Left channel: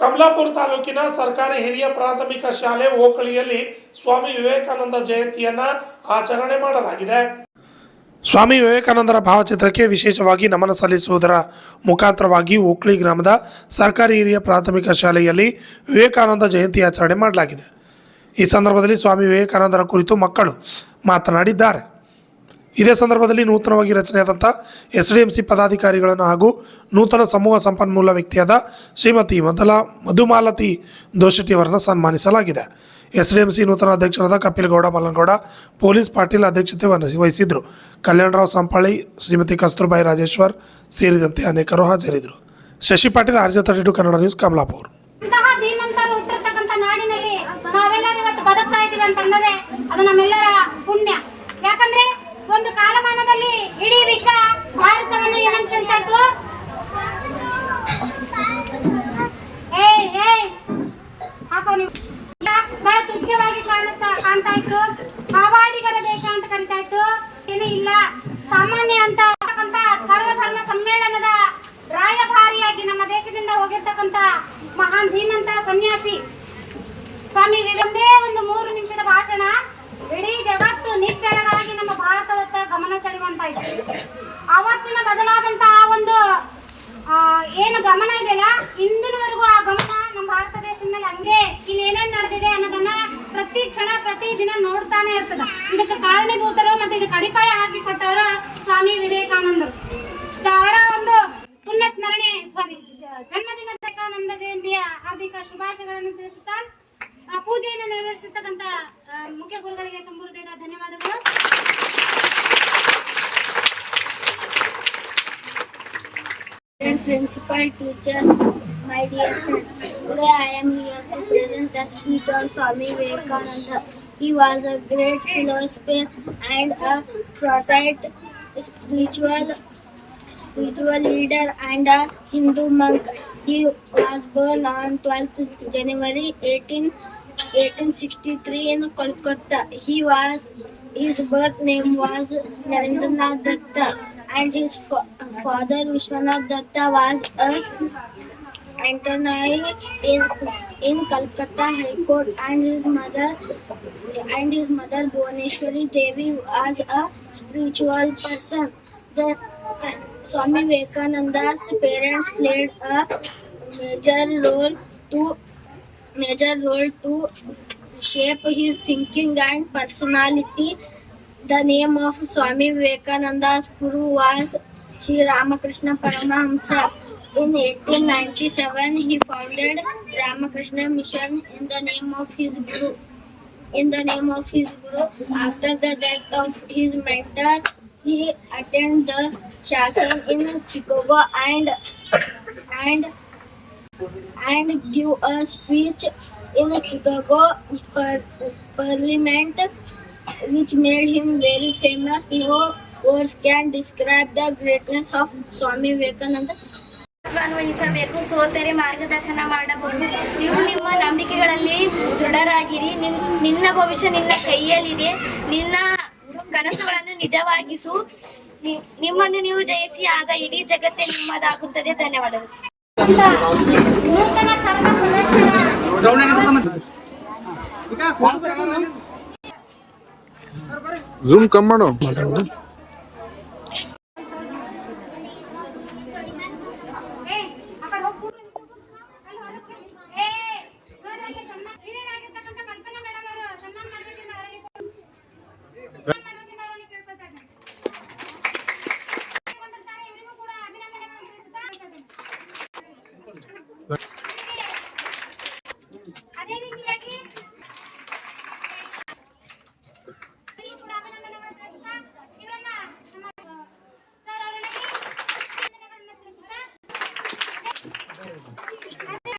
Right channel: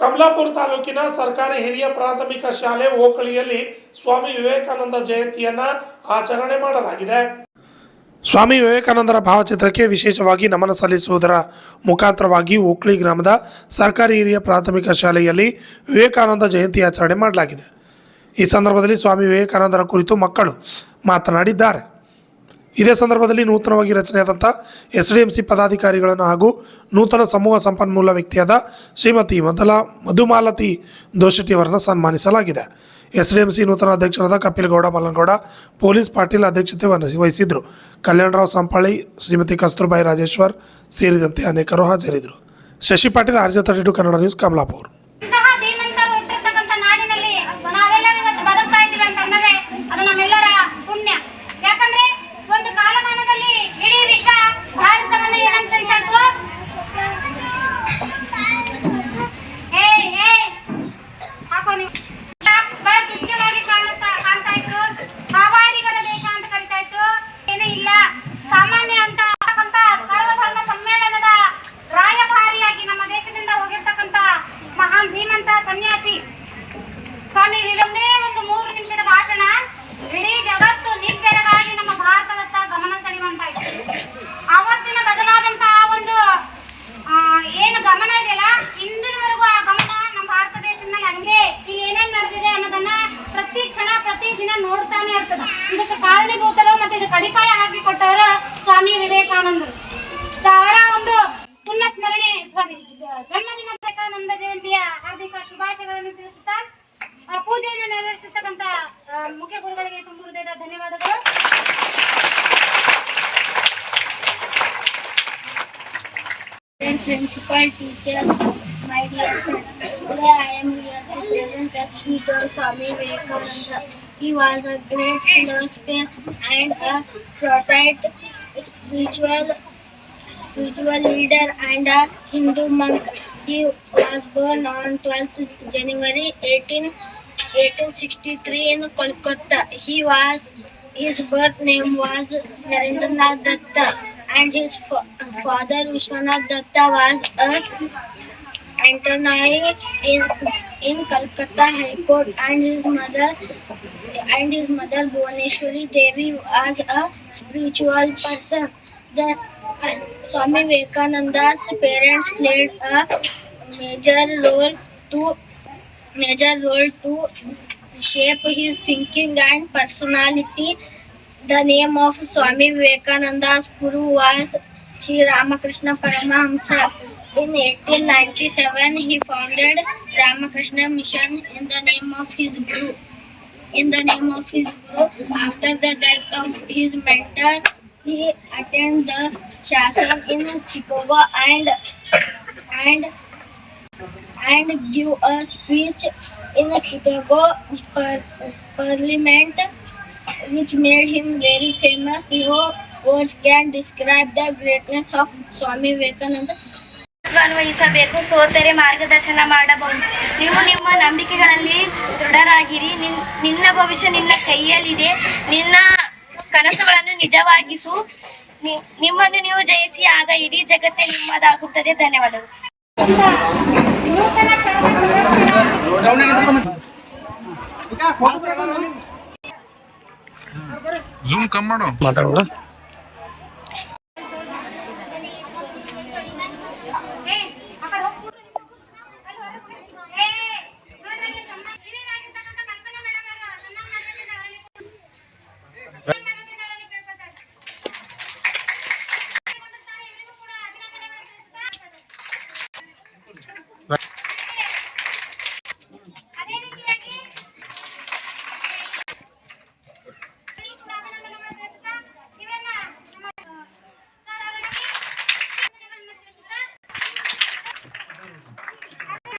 ಕಮಲಾಪುರ ತಾಲೂಕಿನ ಸರ್ಕಾರಿ ಹಿರಿಯ ಪ್ರಾಥಮಿಕ ಶಾಲೆ ಓಕಳಿಯಲ್ಲಿ ಸ್ವಾಮಿ ವಿವೇಕಾನಂದ ಜಯಂತಿಯನ್ನ ಆಚರಣೆ ಮಾಡಲಾಗಿದೆ. ಸ್ವಾಮಿ ವಿವೇಕಾನಂದರ ಭಾವಚಿತ್ರಕ್ಕೆ ವಿಶೇಷವಾಗಿ ನಮನ ಸಲ್ಲಿಸುವುದರ ಮುಖಾಂತರವಾಗಿ ಓಕಳಿ ಗ್ರಾಮದ ಸರ್ಕಾರಿ ಹಿರಿಯ ಪ್ರಾಥಮಿಕ ಶಾಲೆಯಲ್ಲಿ ವಿವೇಕಾನಂದ ಜಯಂತಿ ಆಚರಣೆ ಮಾಡಲಾಗಿದೆ. ಈ ಸಂದರ್ಭದಲ್ಲಿ ಸ್ವಾಮಿ ವಿವೇಕಾನಂದರ ಕುರಿತು ಮಕ್ಕಳು ಮಾತನಾಡಿದ್ದಾರೆ. ಇದೇ ಸಂದರ್ಭದಲ್ಲಿ ನೂತನವಾಗಿ ರಚನೆಯಾದಂಥ SDMC ಪದಾಧಿಕಾರಿಗಳನ್ನು ಹಾಗೂ ನೂತನ ಸಮೂಹ ಸಂಪನ್ಮೂಲ ವ್ಯಕ್ತಿಯಾದ ಶ್ರೀಮತಿ ಮಧುಮಾಲತಿ ದೋಶೆಟ್ಟಿಯವರನ್ನು ಸನ್ಮಾನಿಸಲಾಗಿದೆ. SDMC ನೂತನ ಅಧ್ಯಕ್ಷರಾದ ಕಪಿಲಗೌಡ ಮಲ್ಲನಗೌಡ ಪೊಲೀಸ್ ಪಾಟೀಲ್ ಅಧ್ಯಕ್ಷತೆ ವಹಿಸಿದ್ರು. ಕಲ್ಯಾಣರಾವ್ ಸಂಪಾಳಿ, ಶ್ರೀಮತಿ ಕಸ್ತೂರ್ಬಾಯಿ ರಾಜೇಶ್ವರ್ ಸೇರಿದಂತೆ ಅನೇಕರು ಹಾಜರಿದ್ದರು. Shashi Patil, RJ32 Kannada news, Kamalapura. ಒಂದು ಕಾಲಮಾನದಲ್ಲಿ ಇಡೀ ವಿಶ್ವ ಭಾರತವನ್ನು ಏನಂತ ಕರೀತಾ ಇತ್ತು? ಬಹಳ ತುಚ್ಛವಾಗಿ ಕಾಣ್ತಾ ಇತ್ತು. ಕಾವಾಡಿಗರ ದೇಶ ಅಂತ ಕರೀತಾ ಇತ್ತು. ಏನೂ ಇಲ್ಲ, ಸಾಮಾನ್ಯ ಅಂತ ಸರ್ವಧರ್ಮ ಸಮ್ಮೇಳನದ ರಾಯಭಾರಿಯಾಗಿ ನಮ್ಮ ದೇಶದಿಂದ ಹೋಗಿರ್ತಕ್ಕಂಥ ಮಹಾನ್ ಧೀಮಂತ ಸನ್ಯಾಸಿ ಸ್ವಾಮಿ ಒಂದೇ ಒಂದು 3 ನಿಮಿಷದ ಭಾಷಣ ಇಡೀ ಜಗತ್ತು ನಿಪ್ಪೆರಗಾಗಿ ನಮ್ಮ ಭಾರತದತ್ತ ಗಮನ ಸೆಳೆಯುವಂತಾಯ್ತು. ಆವತ್ತಿನ ಬದಲಾದಂತಹ ಒಂದು ಏನು ಗಮನ ಇದೆಯಲ್ಲ, ಇಂದಿನವರೆಗೂ ಆ ಗಮನ ನಮ್ಮ ಭಾರತ ದೇಶದಲ್ಲಿ ಹಂಗೆ ಇಲ್ಲಿ ಏನೇನ್ ನಡೆದಿದೆ ಅನ್ನೋದನ್ನ ಪ್ರತಿ ಕ್ಷಣ ಪ್ರತಿ ದಿನ ನೋಡ್ತಾನೆ ಇರ್ತದ. ಇದಕ್ಕೆ ಕಾರಣೀಭೂತರು ಮತ್ತೆ ಇದು ಕಡಿಪಾಯ ಹಾಕಿಕೊಟ್ಟವರು ಸ್ವಾಮಿ ವಿವೇಕಾನಂದರು. ಅವರ ಒಂದು ಪುಣ್ಯ ಸ್ಮರಣೆ ಜನ್ಮದಿನ ವಿವೇಕಾನಂದ ಜಯಂತಿಯ ಹಾರ್ದಿಕ ಶುಭಾಶಯಗಳನ್ನು ತಿಳಿಸುತ್ತಾ ಪೂಜೆಯನ್ನು ನೆರವೇರಿಸತಕ್ಕಂತ ಮುಖ್ಯ ಗುರುಗಳಿಗೆ ತುಂಬ ಹೃದಯದ ಧನ್ಯವಾದಗಳು. Principal, teachers, my dear friends, today I am here to present a speech on Swami Vivekananda. He was a great philosopher and a prominent spiritual leader and a Hindu monk. He was born on 12th January 1863 in Kolkata. His birth name was Narendranath Datta, and his father Vishwanath Datta was an attorney in Calcutta High Court, and his mother Bhuvaneshwari Devi was a spiritual person. The Swami Vivekananda's parents played a major role to shape his thinking and personality. The name of Swami Vivekananda's guru was Sri Ramakrishna Paramahamsa. In 1897, he founded Ramakrishna Mission in the name of his guru. After the death of his mentor, he attended the session in Chicago and give a speech in Chicago Parliament, which made him very famous. No words can describe the greatness of Swami Vivekananda. ವಹಿಸಬೇಕು, ಸೋತರೆ ಮಾರ್ಗದರ್ಶನ ಮಾಡಬಹುದು. ನೀವು ನಿಮ್ಮ ನಂಬಿಕೆಗಳಲ್ಲಿ ದೃಢರಾಗಿರಿ. ನಿನ್ನ ಭವಿಷ್ಯ ನಿನ್ನ ಕೈಯಲ್ಲಿದೆ. ನಿನ್ನ ಕನಸುಗಳನ್ನು ನಿಜವಾಗಿಸು. ನಿಮ್ಮನ್ನು ನೀವು ಜಯಿಸಿ, ಆಗ ಇಡೀ ಜಗತ್ತೇ ನಿಮ್ಮದಾಗುತ್ತದೆ. ಧನ್ಯವಾದಗಳು. ನೂತನ ಸರ್ವ ಸದಸ್ಯರ ಜೂಮ್ ಕಮ್ ಮಾಡೋ ಮಾತಾಡೋಣ.